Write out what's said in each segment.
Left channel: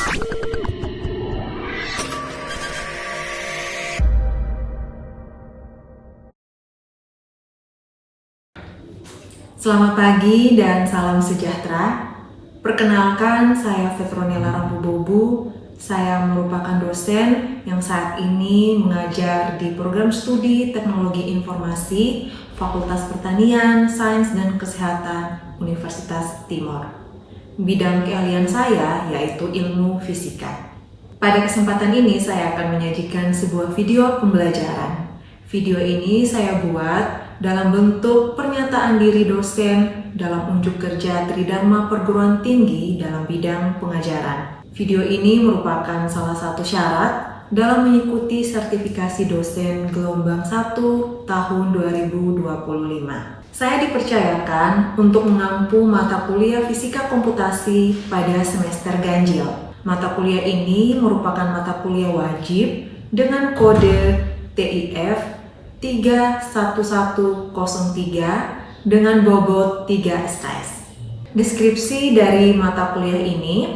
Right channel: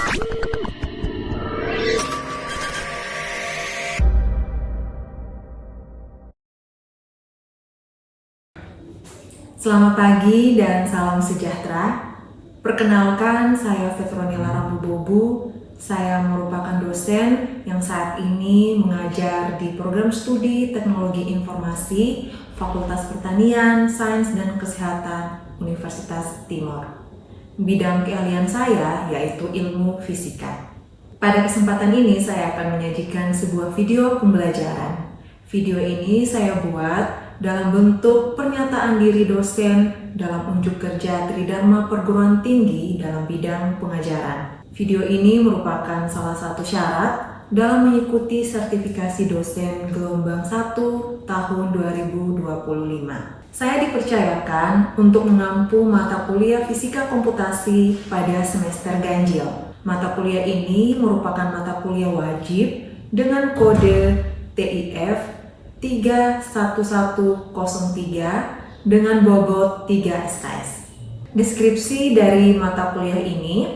Selamat pagi dan salam sejahtera. Perkenalkan, saya Petronila Rambu-Bobu. Saya merupakan dosen yang saat ini mengajar di program studi Teknologi Informasi Fakultas Pertanian, Sains dan Kesehatan Universitas Timor. Bidang keahlian saya yaitu ilmu fisika. Pada kesempatan ini saya akan menyajikan sebuah video pembelajaran. Video ini saya buat dalam bentuk pernyataan diri dosen dalam unjuk kerja Tridharma Perguruan Tinggi dalam bidang pengajaran. Video ini merupakan salah satu syarat dalam mengikuti sertifikasi dosen gelombang 1 tahun 2025. Saya dipercayakan untuk mengampu mata kuliah Fisika Komputasi pada semester ganjil. Mata kuliah ini merupakan mata kuliah wajib dengan kode TIF 31103 dengan bobot 3 SKS. Deskripsi dari mata kuliah ini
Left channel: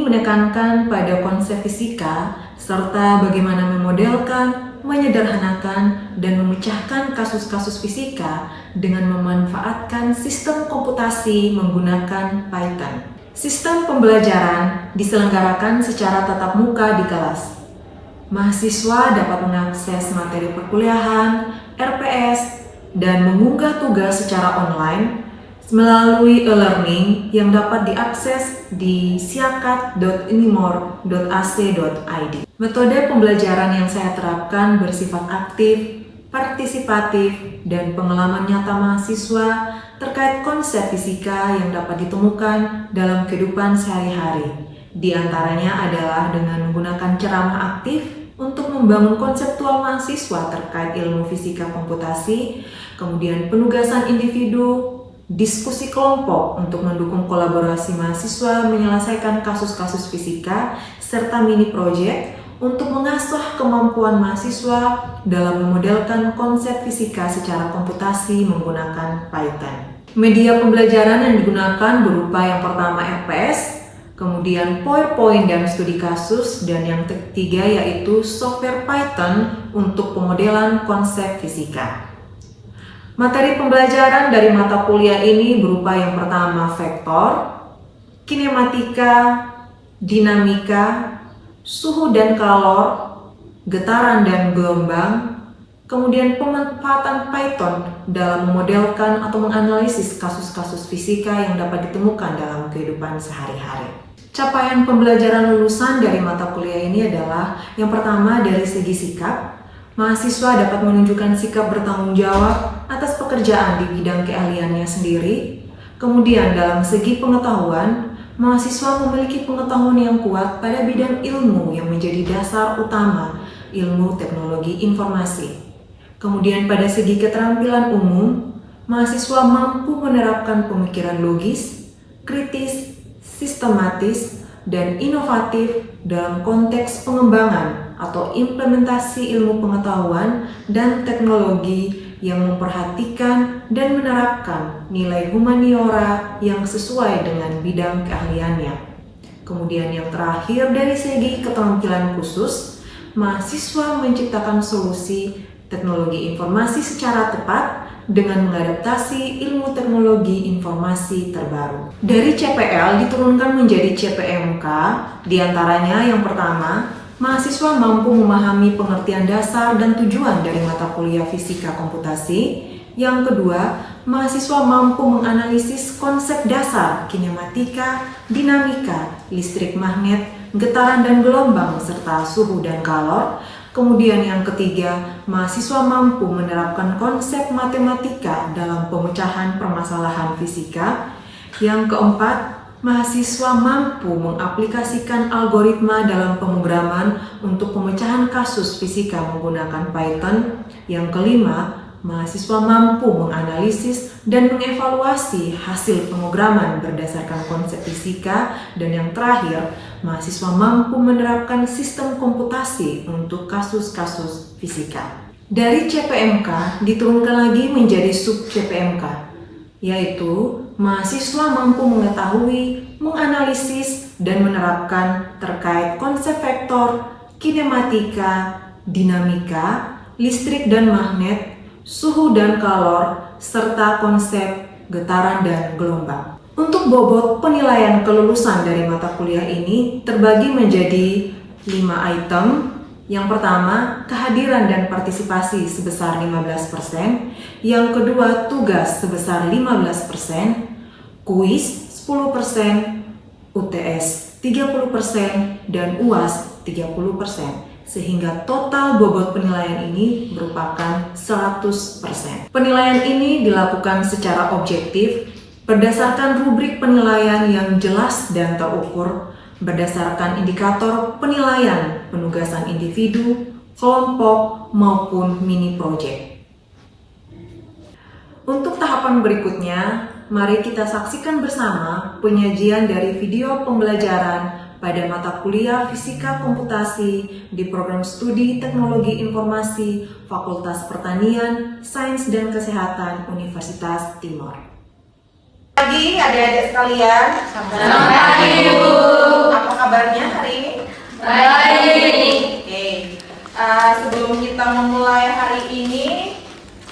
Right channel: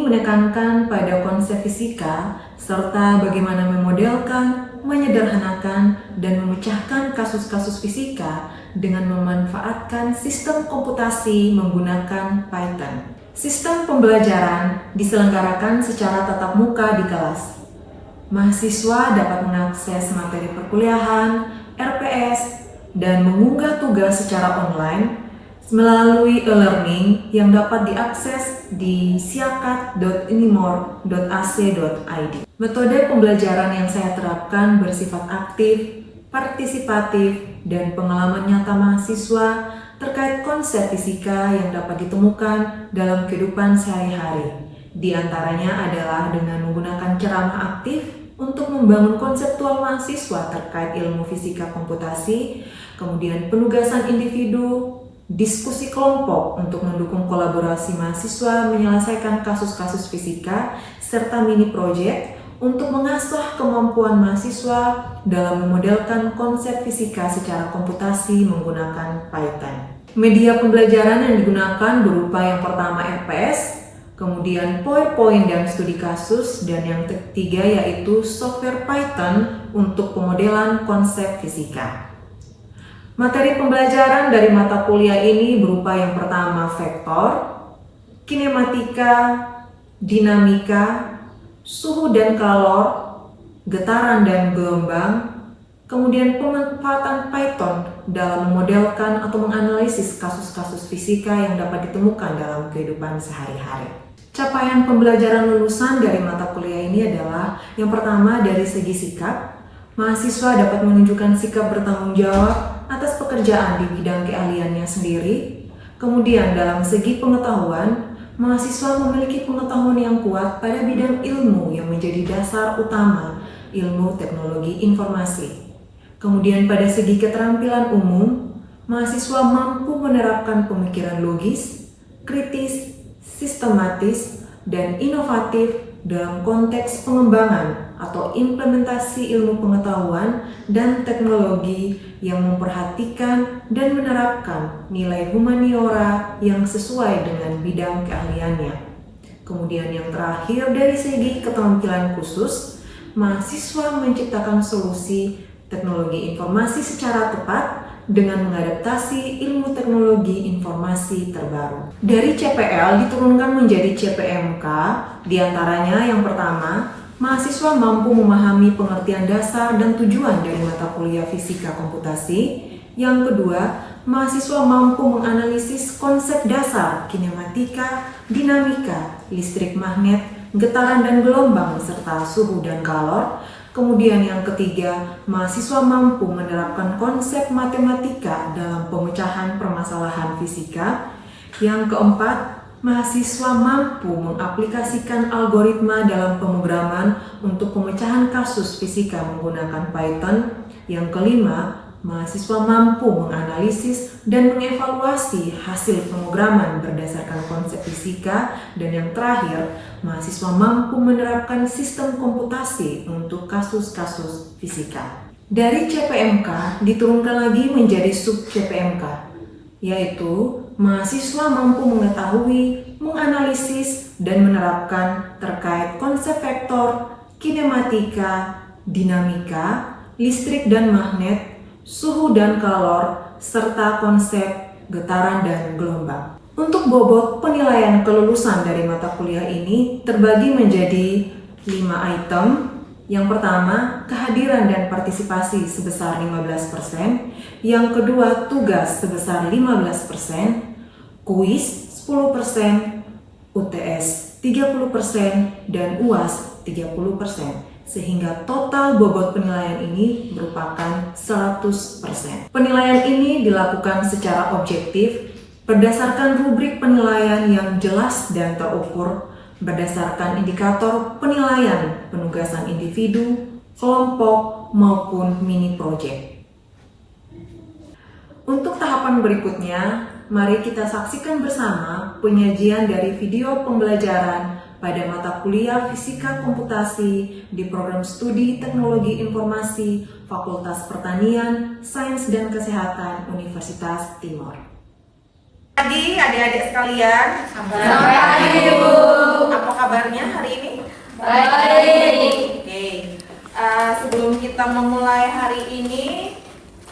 menekankan pada konsep fisika serta bagaimana memodelkan, menyederhanakan, dan memecahkan kasus-kasus fisika dengan memanfaatkan sistem komputasi menggunakan Python. Sistem pembelajaran diselenggarakan secara tatap muka di kelas. Mahasiswa dapat mengakses materi perkuliahan, RPS, dan mengunggah tugas secara online melalui e-learning yang dapat diakses di siakat.unimor.ac.id. Metode pembelajaran yang saya terapkan bersifat aktif, partisipatif, dan pengalaman nyata mahasiswa terkait konsep fisika yang dapat ditemukan dalam kehidupan sehari-hari. Di antaranya adalah dengan menggunakan ceramah aktif untuk membangun konseptual mahasiswa terkait ilmu fisika komputasi, kemudian penugasan individu, diskusi kelompok untuk mendukung kolaborasi mahasiswa menyelesaikan kasus-kasus fisika, serta mini project untuk mengasah kemampuan mahasiswa dalam memodelkan konsep fisika secara komputasi menggunakan Python. Media pembelajaran yang digunakan berupa yang pertama RPS, kemudian PowerPoint dan studi kasus, dan yang ketiga yaitu software Python untuk pemodelan konsep fisika. Materi pembelajaran dari mata kuliah ini berupa yang pertama vektor, kinematika, dinamika, suhu dan kalor, getaran dan gelombang, kemudian pemanfaatan Python dalam memodelkan atau menganalisis kasus-kasus fisika yang dapat ditemukan dalam kehidupan sehari-hari. Capaian pembelajaran lulusan dari mata kuliah ini adalah yang pertama dari segi sikap. Mahasiswa dapat menunjukkan sikap bertanggung jawab atas pekerjaan di bidang keahliannya sendiri. Kemudian dalam segi pengetahuan, mahasiswa memiliki pengetahuan yang kuat pada bidang ilmu yang menjadi dasar utama ilmu teknologi informasi. Kemudian pada segi keterampilan umum, mahasiswa mampu menerapkan pemikiran logis, kritis, sistematis, dan inovatif dalam konteks pengembangan atau implementasi ilmu pengetahuan dan teknologi yang memperhatikan dan menerapkan nilai humaniora yang sesuai dengan bidang keahliannya. Kemudian yang terakhir dari segi keterampilan khusus, mahasiswa menciptakan solusi teknologi informasi secara tepat dengan mengadaptasi ilmu teknologi informasi terbaru. Dari CPL diturunkan menjadi CPMK, diantaranya yang pertama, mahasiswa mampu memahami pengertian dasar dan tujuan dari mata kuliah fisika komputasi. Yang kedua, mahasiswa mampu menganalisis konsep dasar kinematika, dinamika, listrik magnet, getaran dan gelombang, serta suhu dan kalor. Kemudian yang ketiga, mahasiswa mampu menerapkan konsep matematika dalam pemecahan permasalahan fisika. Yang keempat, mahasiswa mampu mengaplikasikan algoritma dalam pemrograman untuk pemecahan kasus fisika menggunakan Python. Yang kelima, mahasiswa mampu menganalisis dan mengevaluasi hasil pemrograman berdasarkan konsep fisika. Dan yang terakhir, mahasiswa mampu menerapkan sistem komputasi untuk kasus-kasus fisika. Dari CPMK diturunkan lagi menjadi sub CPMK, yaitu mahasiswa mampu mengetahui, menganalisis, dan menerapkan terkait konsep vektor, kinematika, dinamika, listrik dan magnet, suhu dan kalor, serta konsep getaran dan gelombang. Untuk bobot penilaian kelulusan dari mata kuliah ini terbagi menjadi 5 item. Yang pertama, kehadiran dan partisipasi sebesar 15%. Yang kedua, tugas sebesar 15%, kuis 10%, UTS 30%, dan UAS 30%. Sehingga total bobot penilaian ini merupakan 100%. Penilaian ini dilakukan secara objektif berdasarkan rubrik penilaian yang jelas dan terukur, berdasarkan indikator penilaian penugasan individu, kelompok, maupun mini project. Untuk tahapan berikutnya, mari kita saksikan bersama penyajian dari video pembelajaran pada mata kuliah Fisika Komputasi di Program Studi Teknologi Informasi Fakultas Pertanian, Sains dan Kesehatan Universitas Timor. Pagi adik-adik sekalian. Selamat pagi, Ibu. Apa kabarnya hari ini? Baik. Oke. Sebelum kita memulai hari ini,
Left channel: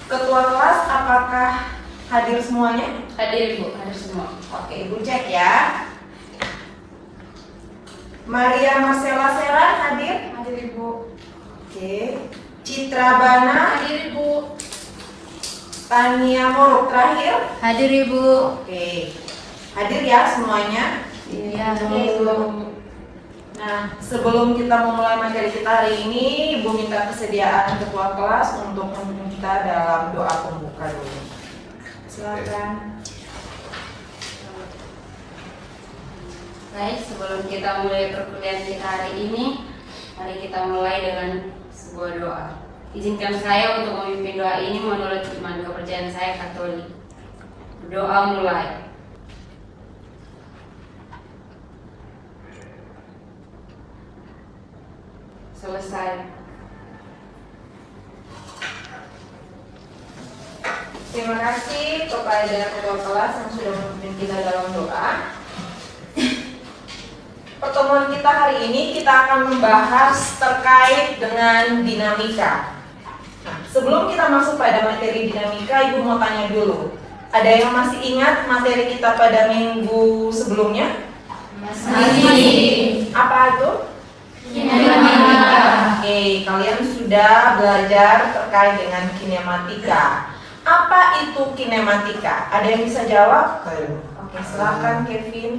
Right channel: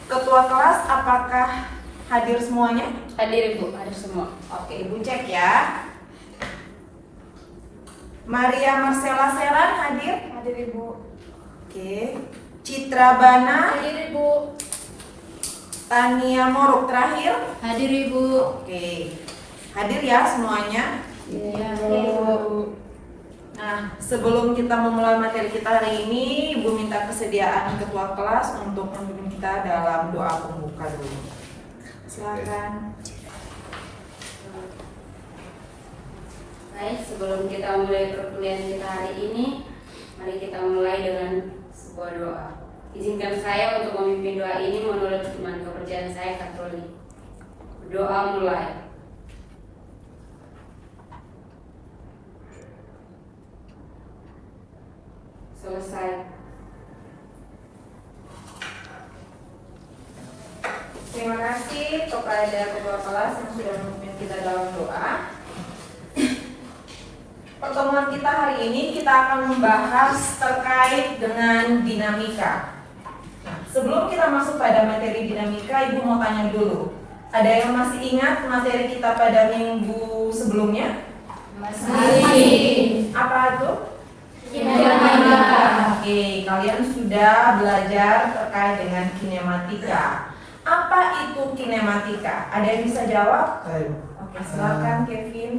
ketua kelas apakah hadir semuanya? Hadir, Ibu. Hadir semua. Oke, Ibu cek ya. Maria Marcella Seran hadir? Hadir, Ibu. Oke. Citra Bana, Hadir, Ibu. Tania Moruk terakhir? Hadir, Ibu. Oke. Hadir ya semuanya? Iya, Bu. Nah, sebelum kita memulai materi kita hari ini, Ibu minta kesediaan ketua kelas untuk memimpin kita dalam doa pembuka dulu. Silakan. Baik, sebelum kita mulai perkuliahan kita hari ini, mari kita mulai dengan sebuah doa. Izinkan saya untuk memimpin doa ini menurut iman kepercayaan saya Katolik. Berdoa mulai. Selesai. Terima kasih kepada ketua kelas yang sudah memimpin kita dalam doa. Pertemuan kita hari ini kita akan membahas terkait dengan dinamika. Nah, sebelum kita masuk pada materi dinamika, Ibu mau tanya dulu. Ada yang masih ingat materi kita pada minggu sebelumnya? Masih. Apa itu? Kinematika. Oke, kalian sudah belajar terkait dengan kinematika. Apa itu kinematika? Ada yang bisa jawab? Oke, silakan Kevin.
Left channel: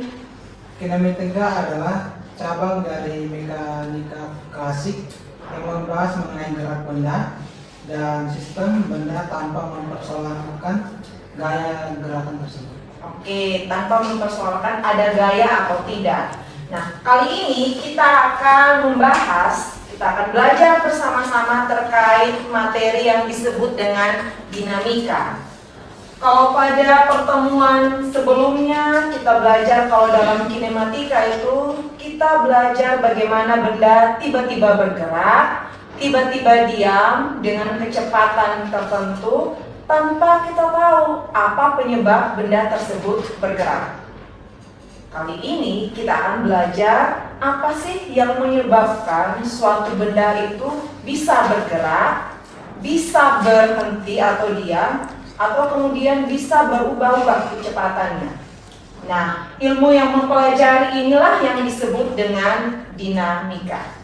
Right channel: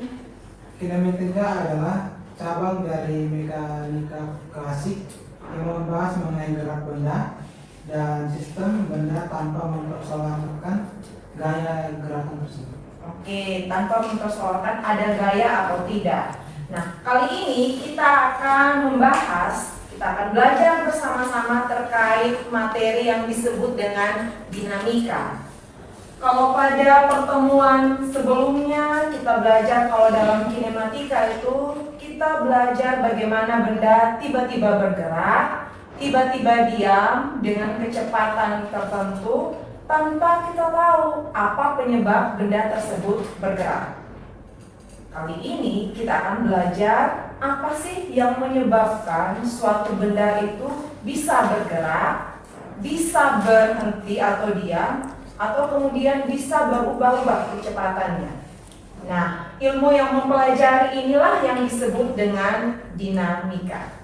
Kinematika adalah cabang dari mekanika klasik yang membahas mengenai gerak benda dan sistem benda tanpa mempersoalkan gaya gerakan tersebut. Oke, tanpa mempersoalkan ada gaya atau tidak. Nah, kali ini kita akan belajar bersama-sama terkait materi yang disebut dengan dinamika. Kalau pada pertemuan sebelumnya kita belajar kalau dalam kinematika itu kita belajar bagaimana benda tiba-tiba bergerak, tiba-tiba diam dengan kecepatan tertentu tanpa kita tahu apa penyebab benda tersebut bergerak. Kali ini kita akan belajar apa sih yang menyebabkan suatu benda itu bisa bergerak, bisa berhenti atau diam, atau kemudian bisa berubah-ubah kecepatannya. Nah, ilmu yang mempelajari inilah yang disebut dengan dinamika.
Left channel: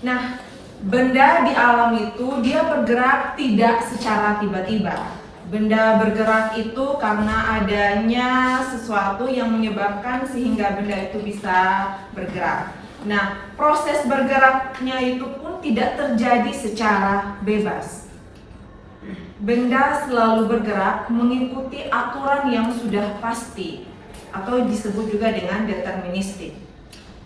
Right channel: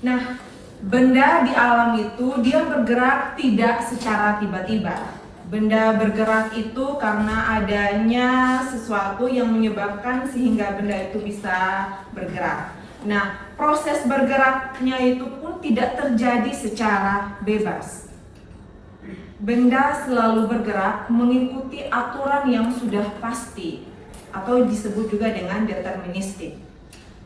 Nah, benda di alam itu dia bergerak tidak secara tiba-tiba. Benda bergerak itu karena adanya sesuatu yang menyebabkan sehingga benda itu bisa bergerak. Nah, proses bergeraknya itu pun tidak terjadi secara bebas. Benda selalu bergerak mengikuti aturan yang sudah pasti atau disebut juga dengan deterministik.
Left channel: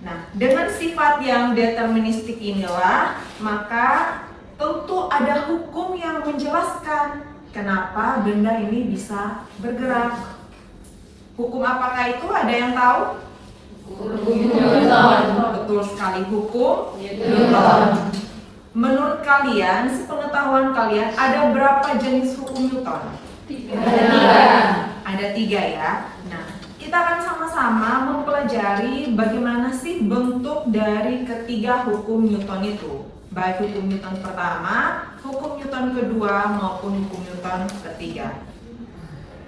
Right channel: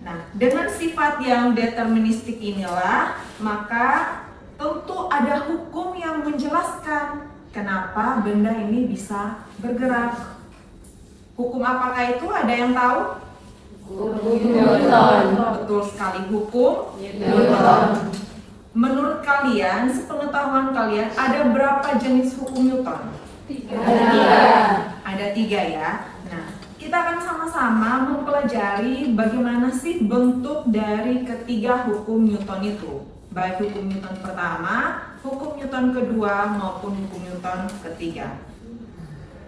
Nah, dengan sifat yang deterministik inilah maka tentu ada hukum yang menjelaskan kenapa benda ini bisa bergerak. Hukum apakah itu? Ada yang tahu? Newton. Betul sekali, hukum Newton. Menurut kalian, sepengetahuan kalian, ada berapa jenis hukum Newton? Tiga. Ada 3 ya. Nah, kita akan sama-sama mempelajari bagaimana sih bentuk dari ketiga hukum Newton itu, baik hukum Newton pertama, hukum Newton kedua, maupun hukum Newton ketiga.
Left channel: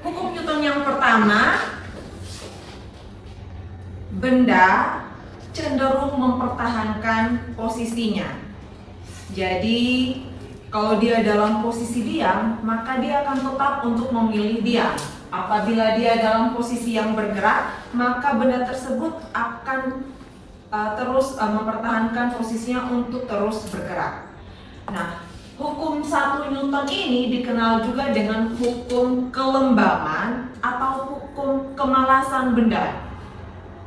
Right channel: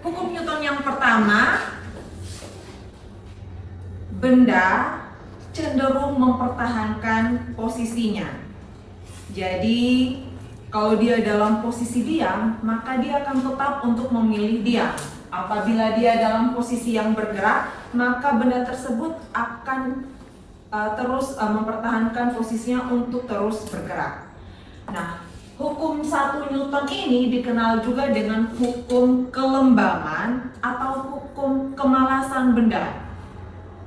Hukum Newton yang pertama, benda cenderung mempertahankan posisinya. Jadi kalau dia dalam posisi diam, maka dia akan tetap untuk memilih diam. Apabila dia dalam posisi yang bergerak, maka benda tersebut akan terus mempertahankan posisinya untuk terus bergerak. Nah, hukum 1 Newton ini dikenal juga dengan hukum kelembaman atau hukum kemalasan benda.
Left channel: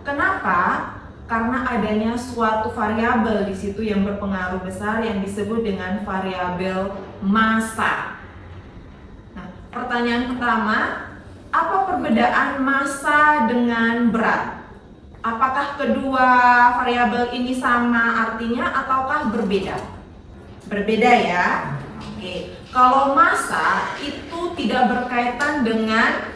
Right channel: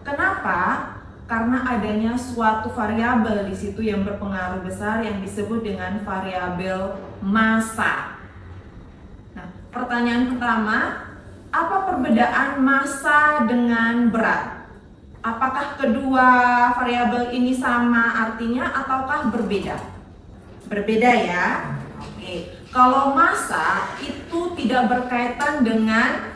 Kenapa? Karena adanya suatu variabel di situ yang berpengaruh besar yang disebut dengan variabel massa. Nah, pertanyaan pertama, apa perbedaan massa dengan berat? Apakah kedua variabel ini sama artinya ataukah berbeda? Berbeda ya. Oke. Kalau massa itu tidak berkaitan dengan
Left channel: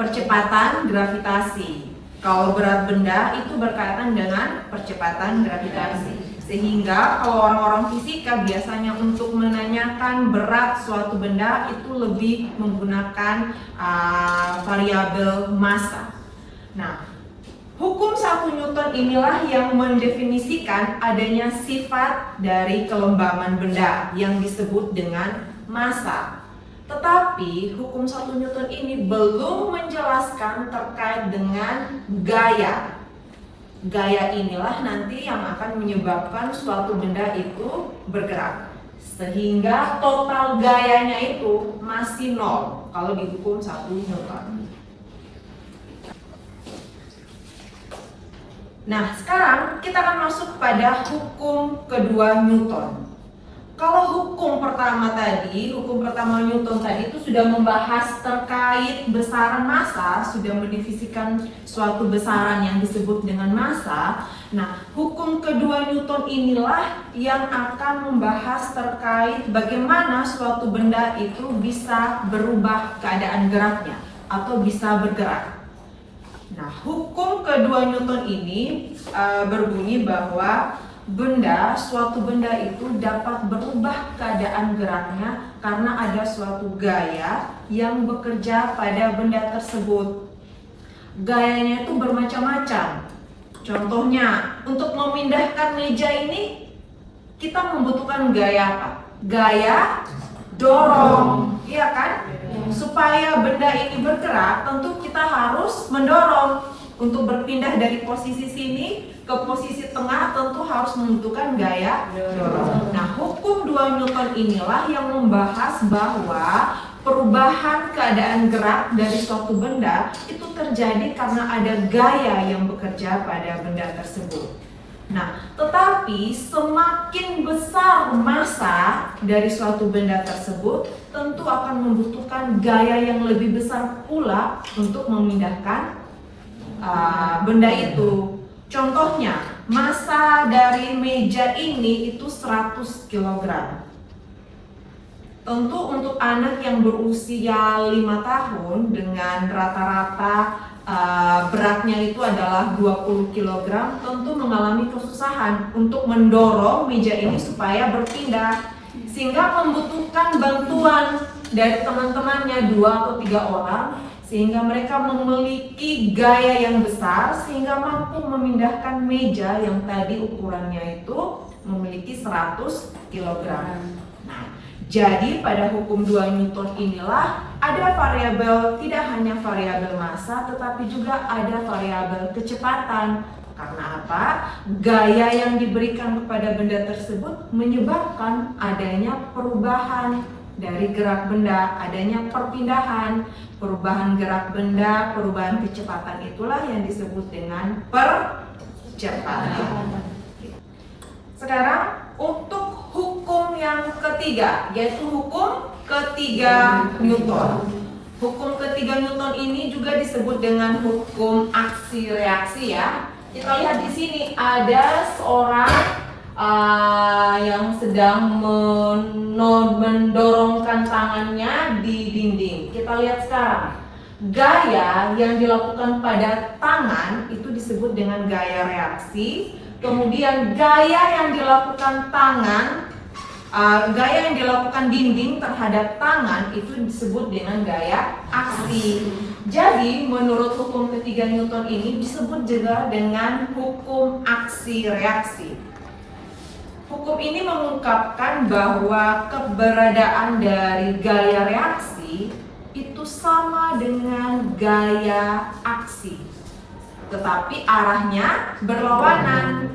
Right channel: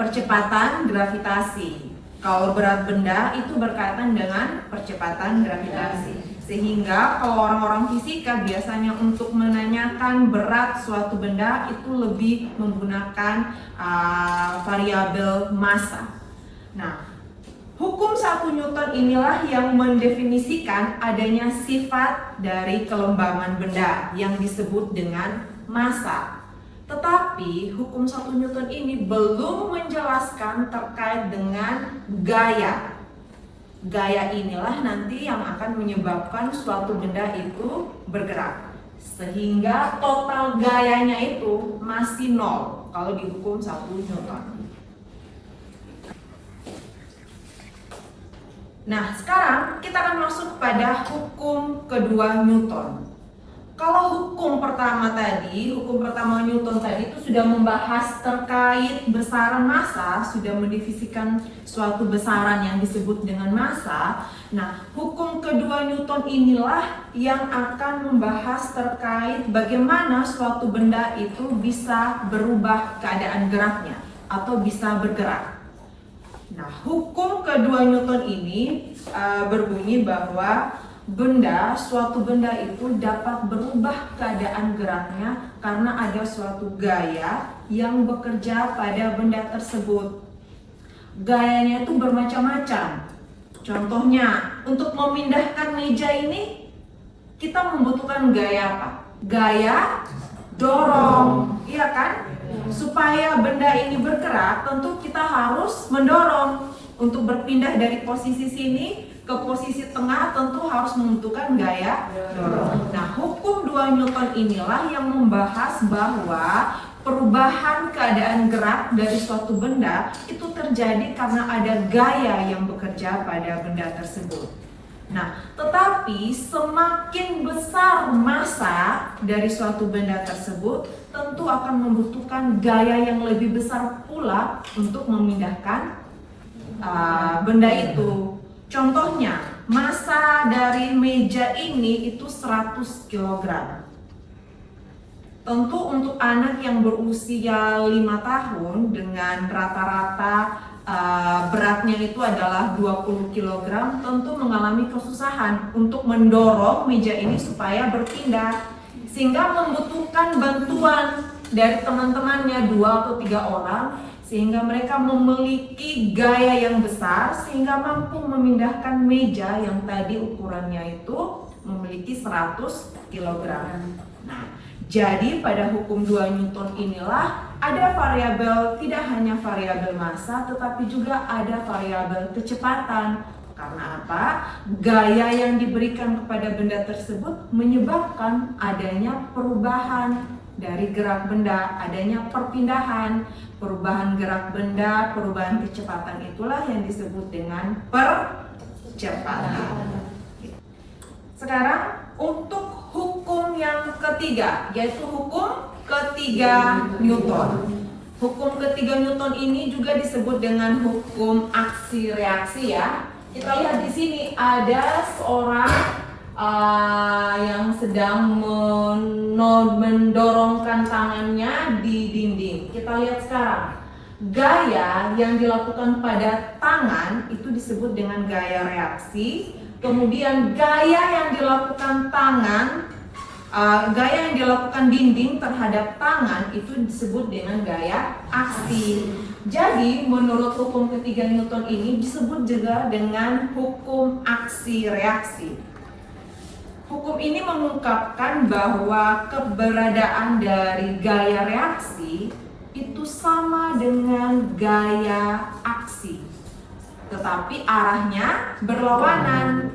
percepatan gravitasi. Kalau berat benda itu berkaitan dengan percepatan gravitasi. Sehingga kalau orang-orang fisika biasanya untuk menanyakan berat suatu benda itu lebih menggunakan variabel massa. Nah, hukum 1 Newton inilah yang mendefinisikan adanya sifat dari kelembaman benda yang disebut dengan massa. Tetapi hukum 1 Newton ini belum menjelaskan terkait dengan gaya. Gaya inilah nanti yang akan menyebabkan suatu benda itu bergerak. Sehingga total gayanya itu masih 0 kalau di hukum 1 Newton. Nah, sekarang kita akan masuk pada hukum kedua Newton. Kalau hukum pertama Newton tadi itu sudah membahas terkait besaran massa, sudah mendefinikan suatu besaran yang disebut dengan massa. Nah, hukum kedua Newton inilah yang akan membahas terkait bagaimana suatu benda itu bisa berubah keadaan geraknya atau bisa bergerak. Nah, hukum kedua Newton ini berbunyi bahwa suatu benda itu dapat berubah keadaan geraknya karena ada suatu gaya yang bekerja pada benda tersebut. Gayanya itu bermacam-macam. Contohnya, untuk memindahkan meja ini kita membutuhkan gaya apa? Gaya dorong, iya kan? Supaya benda ini bergerak, tentu kita harus mendorong. Untuk berpindah dari posisi sini ke posisi tengah tentu harus membutuhkan gaya dorong. Nah, hukum 2 Newton inilah yang membahas bahwa perubahan keadaan gerak dari suatu benda itu terjadi karena ada gaya yang bekerja pada benda tersebut. Nah, tetapi semakin besar massa dari suatu benda tersebut, tentu akan membutuhkan gaya yang lebih besar pula untuk memindahkan benda itu. Contohnya, massa dari meja ini itu 100 kg. Tentu untuk anak yang berusia 5 tahun dengan rata-rata beratnya itu adalah 20 kg, tentu mengalami kesusahan untuk mendorong meja ini supaya berpindah, sehingga membutuhkan bantuan dari teman-temannya 2 atau 3 orang, sehingga mereka memiliki gaya yang besar sehingga mampu memindahkan meja yang tadi ukurannya itu memiliki 100 kg. Nah, jadi pada hukum 2 Newton inilah ada variabel, tidak hanya variabel massa tetapi juga ada variabel kecepatan. Karena apa? Gaya yang diberikan kepada benda tersebut menyebabkan adanya perubahan dari gerak benda, adanya perpindahan, perubahan gerak benda, perubahan kecepatan, itulah yang disebut dengan percepatan. Sekarang untuk hukum yang ketiga, yaitu hukum ketiga Newton. Hukum ketiga Newton ini juga disebut dengan hukum aksi reaksi ya. Kita lihat di sini ada seorang yang sedang mendorongkan tangannya di dinding. Kita lihat sekarang. gaya yang dilakukan pada tangan itu disebut dengan gaya reaksi. Kemudian gaya yang dilakukan gaya yang dilakukan dinding terhadap tangan itu disebut dengan gaya aksi. Jadi menurut hukum ketiga Newton ini disebut juga dengan hukum aksi reaksi. Hukum ini mengungkapkan bahwa keberadaan dari gaya reaksi itu sama dengan gaya aksi, tetapi arahnya berlawanan.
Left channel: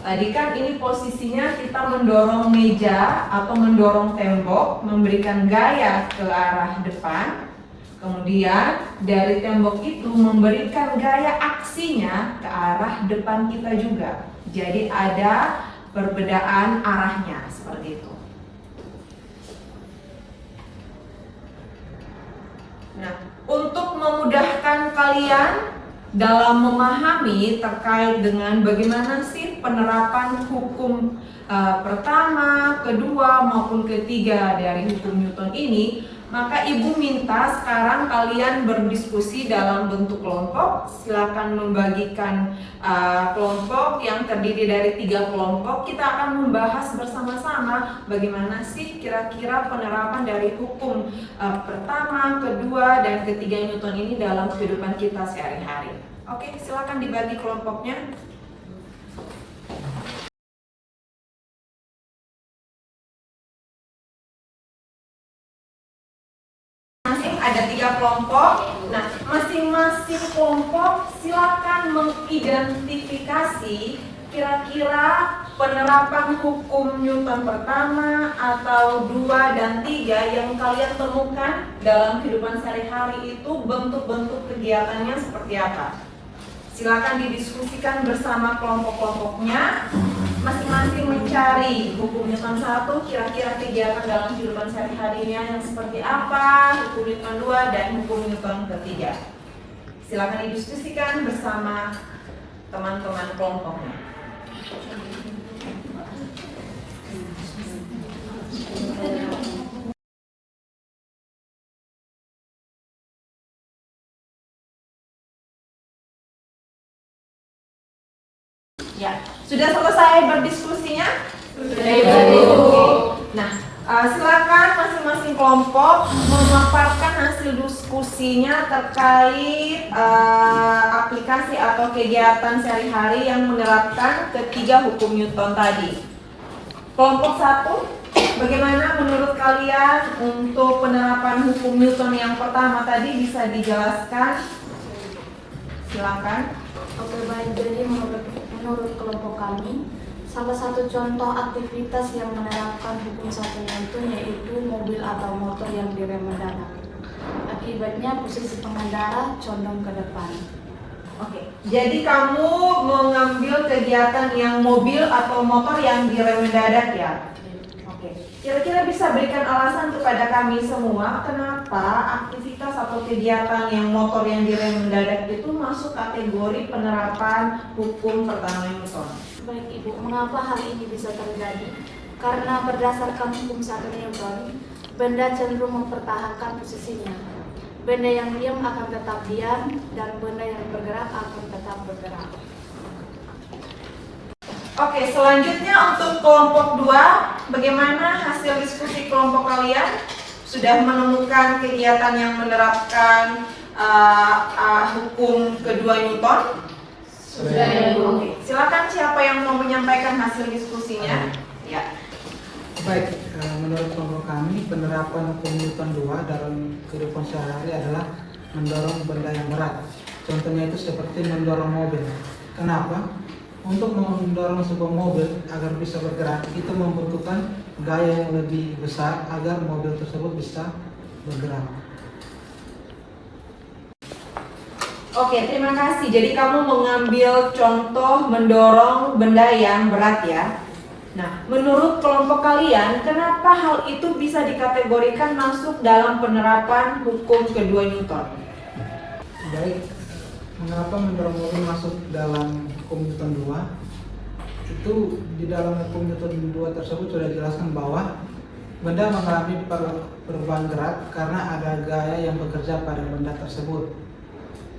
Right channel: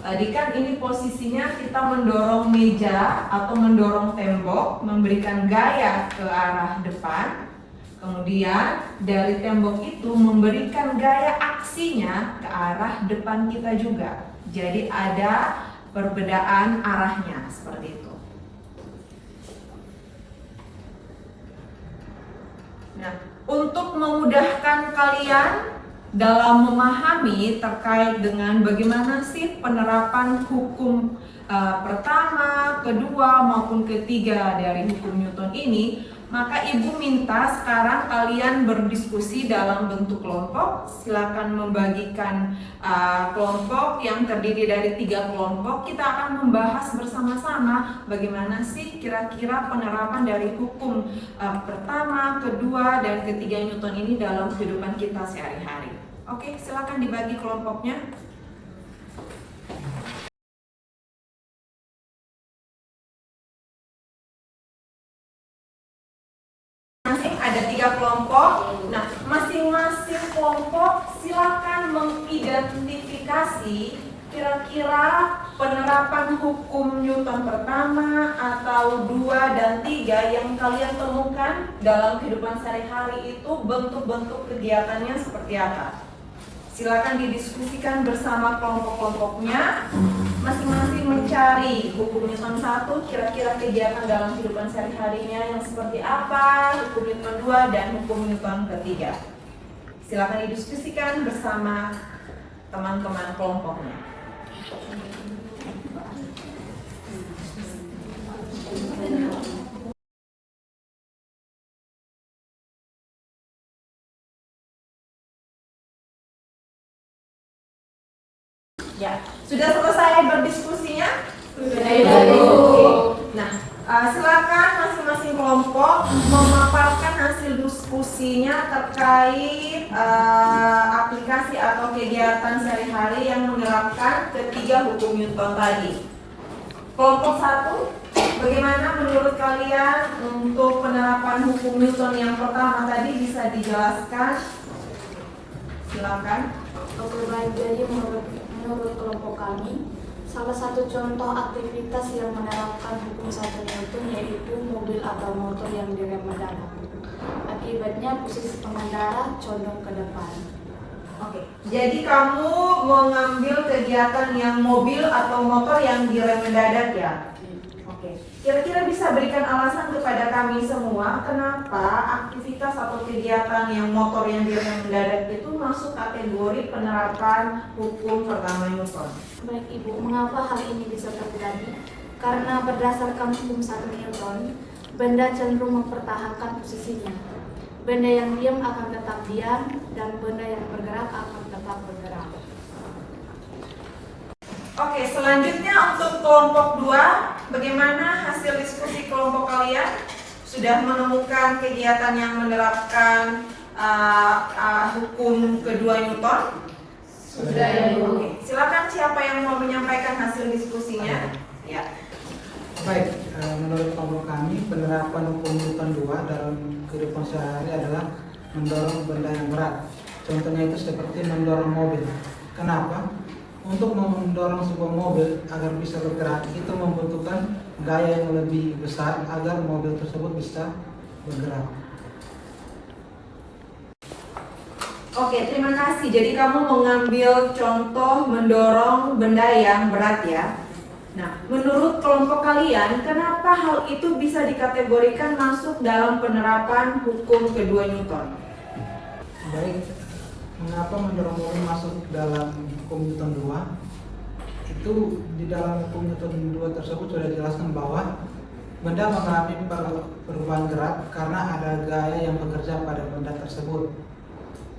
Tadi kan ini posisinya kita mendorong meja atau mendorong tembok, memberikan gaya ke arah depan. Kemudian dari tembok itu memberikan gaya aksinya ke arah depan kita juga. Jadi ada perbedaan arahnya seperti itu. Nah, untuk memudahkan kalian dalam memahami terkait dengan bagaimana sih penerapan hukum pertama, kedua maupun ketiga dari hukum Newton ini, maka ibu minta sekarang kalian berdiskusi dalam bentuk kelompok. Silakan membagikan kelompok yang terdiri dari 3 kelompok. Kita akan membahas bersama-sama bagaimana sih kira-kira penerapan dari hukum pertama, kedua, dan ketiga Newton ini dalam kehidupan kita sehari-hari. Oke, silakan dibagi kelompoknya. Ada 3 kelompok. Nah, masing-masing kelompok silakan mengidentifikasi kira-kira penerapan hukum Newton pertama atau 2 dan 3 yang kalian temukan dalam kehidupan sehari-hari itu bentuk-bentuk kegiatannya seperti apa. Silakan didiskusikan bersama kelompok-kelompoknya. Masing-masing mencari hukum Newton 1 kira-kira kegiatan dalam kehidupan sehari-harinya yang seperti apa, hukum Newton 2 dan hukum Newton ketiga. Silakan didiskusikan bersama teman-teman kelompoknya. Ya, sudah selesai berdiskusinya? Sudah. Nah, silakan masing-masing kelompok memaparkan hasil diskusinya terkait aplikasi atau kegiatan sehari-hari yang menerapkan ketiga hukum Newton tadi. Kelompok 1, bagaimana menurut kalian untuk penerapan hukum Newton yang pertama tadi, bisa dijelaskan? Silakan. Oke, baik. Jadi menurut kelompok kami, salah satu contoh aktivitas yang menerapkan hukum 1 Newton yaitu mobil atau motor yang direm mendadak. Akibatnya posisi pengendara condong ke depan. Oke, jadi kamu mengambil kegiatan yang mobil atau motor yang direm mendadak ya? Oke, kira-kira bisa berikan alasan kepada kami semua kenapa aktivitas atau kegiatan yang motor yang direm mendadak itu masuk kategori penerapan hukum pertama Newton? Baik Ibu, mengapa hal ini bisa terjadi? Karena berdasarkan hukum 1 Newton, benda cenderung mempertahankan posisinya. Benda yang diam akan tetap diam dan benda yang bergerak akan tetap bergerak. Oke, selanjutnya untuk kelompok 2, bagaimana hasil diskusi kelompok kalian? Sudah menemukan kegiatan yang menerapkan hukum kedua Newton? Sudah. Oke, silakan siapa yang mau menyampaikan hasil diskusinya? Ya. Baik, menurut kelompok kami, penerapan hukum Newton 2 dalam kehidupan sehari-hari adalah mendorong benda yang berat. Contohnya itu seperti mendorong mobil. Kenapa? Untuk mendorong sebuah mobil agar bisa bergerak, itu membutuhkan gaya yang lebih besar agar mobil tersebut bisa bergerak. Oke, terima kasih. Jadi kamu mengambil contoh mendorong benda yang berat ya. Nah, menurut kelompok kalian, kenapa hal itu bisa dikategorikan masuk dalam penerapan hukum kedua Newton? Baik, mengapa mendorong mobil masuk dalam hukum Newton 2? Itu di dalam hukum Newton 2 tersebut sudah dijelaskan bahwa Benda mengalami perubahan gerak karena ada gaya yang bekerja pada benda tersebut.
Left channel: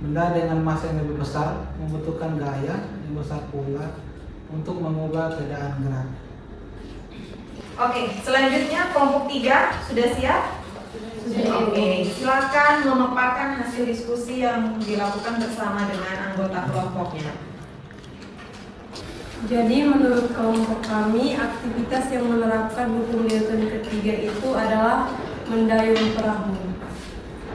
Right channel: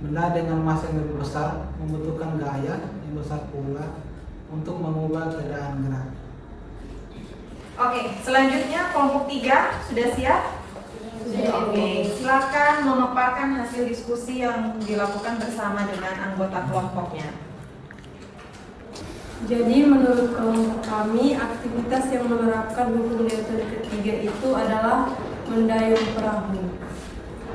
Benda dengan massa yang lebih besar membutuhkan gaya yang besar pula untuk mengubah keadaan gerak. Oke, selanjutnya kelompok 3 sudah siap? Oke, silakan memaparkan hasil diskusi yang dilakukan bersama dengan anggota kelompoknya. Jadi menurut kelompok kami, aktivitas yang menerapkan hukum Newton ketiga itu adalah mendayung perahu.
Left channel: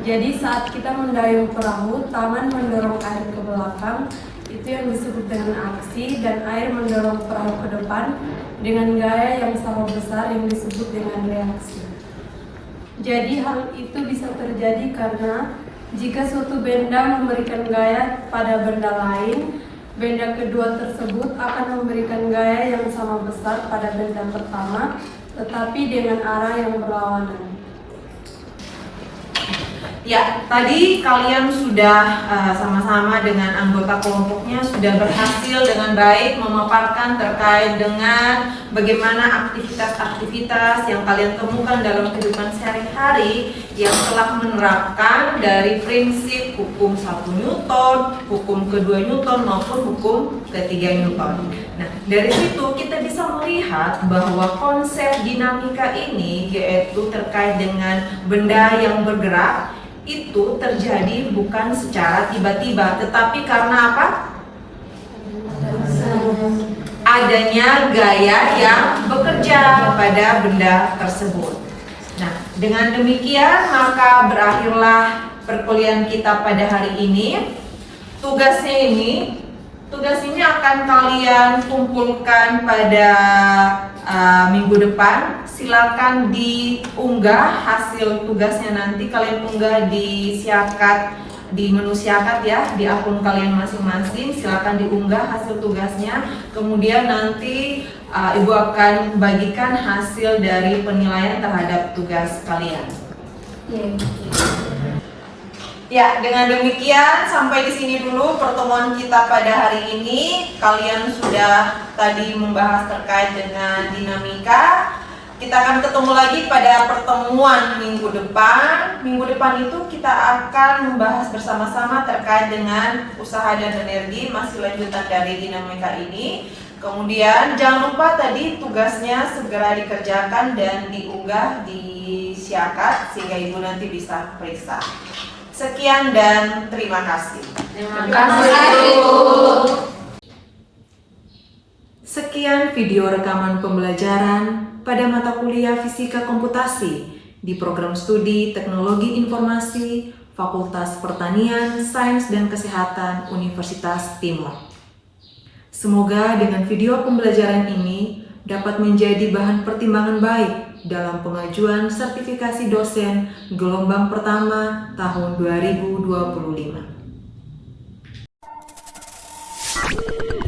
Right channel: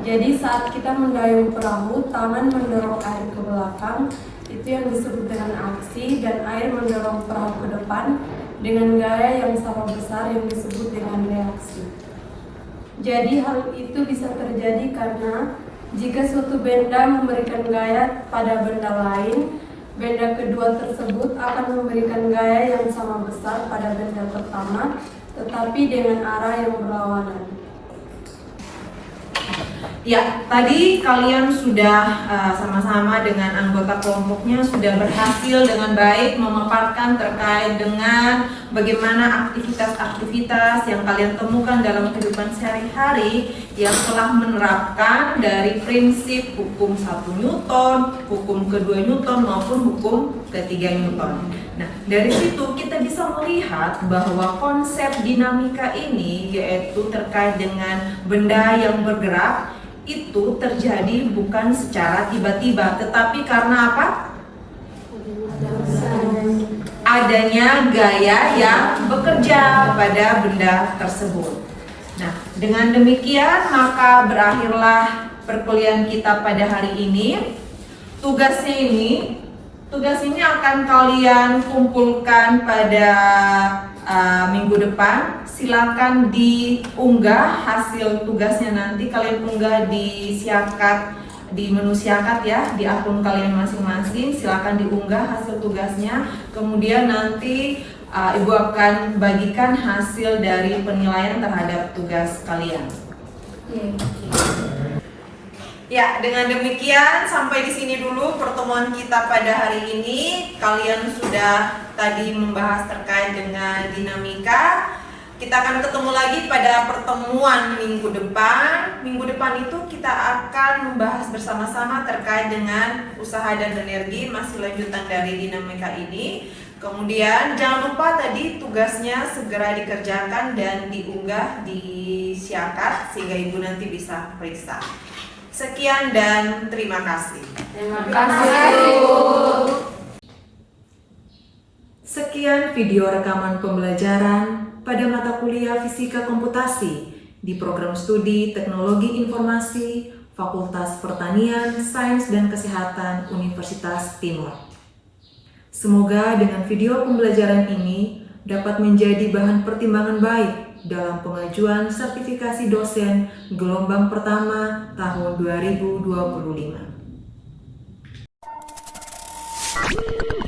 Jadi saat kita mendayung perahu, tangan mendorong air ke belakang, itu yang disebut dengan aksi, dan air mendorong perahu ke depan dengan gaya yang sama besar yang disebut dengan reaksi. Jadi hal itu bisa terjadi karena jika suatu benda memberikan gaya pada benda lain, benda kedua tersebut akan memberikan gaya yang sama besar pada benda pertama, tetapi dengan arah yang berlawanan. Ya, tadi kalian sudah sama-sama dengan anggota kelompoknya sudah berhasil dengan baik memaparkan terkait dengan bagaimana aktivitas-aktivitas yang kalian temukan dalam kehidupan sehari-hari yang telah menerapkan dari prinsip hukum 1 Newton, hukum kedua Newton maupun hukum ketiga Newton. Nah, dari situ kita bisa melihat bahwa konsep dinamika ini yaitu terkait dengan benda yang bergerak itu terjadi bukan secara tiba-tiba, tetapi karena apa? Adanya gaya yang bekerja pada benda tersebut. Nah, dengan demikian maka berakhirlah perkuliahan kita pada hari ini. Tugas ini akan kalian kumpulkan pada minggu depan. Silakan diunggah hasil tugasnya, nanti kalian unggah di Siakat, di menu Siakat ya, di akun kalian masing-masing. Silakan diunggah hasil tugasnya. Kemudian nanti Ibu akan bagikan hasil dari penilaian terhadap tugas kalian. Ya, dengan demikian sampai di sini dulu pertemuan kita pada hari ini. Kalian sudah tadi membahas terkait dengan dinamika. Kita akan ketemu lagi pada pertemuan minggu depan. Minggu depan itu kita akan membahas bersama-sama terkait dengan usaha dan energi, masih lanjutan dari dinamika ini. Kemudian jangan lupa tadi tugasnya segera dikerjakan dan diunggah di Siakat sehingga Ibu nanti bisa periksa. Sekian dan terima kasih. Terima kasih. Sekian video rekaman pembelajaran pada mata kuliah Fisika Komputasi di program studi Teknologi Informasi Fakultas Pertanian, Sains dan Kesehatan Universitas Timur. Semoga dengan video pembelajaran ini dapat menjadi bahan pertimbangan baik dalam pengajuan sertifikasi dosen gelombang pertama tahun 2025.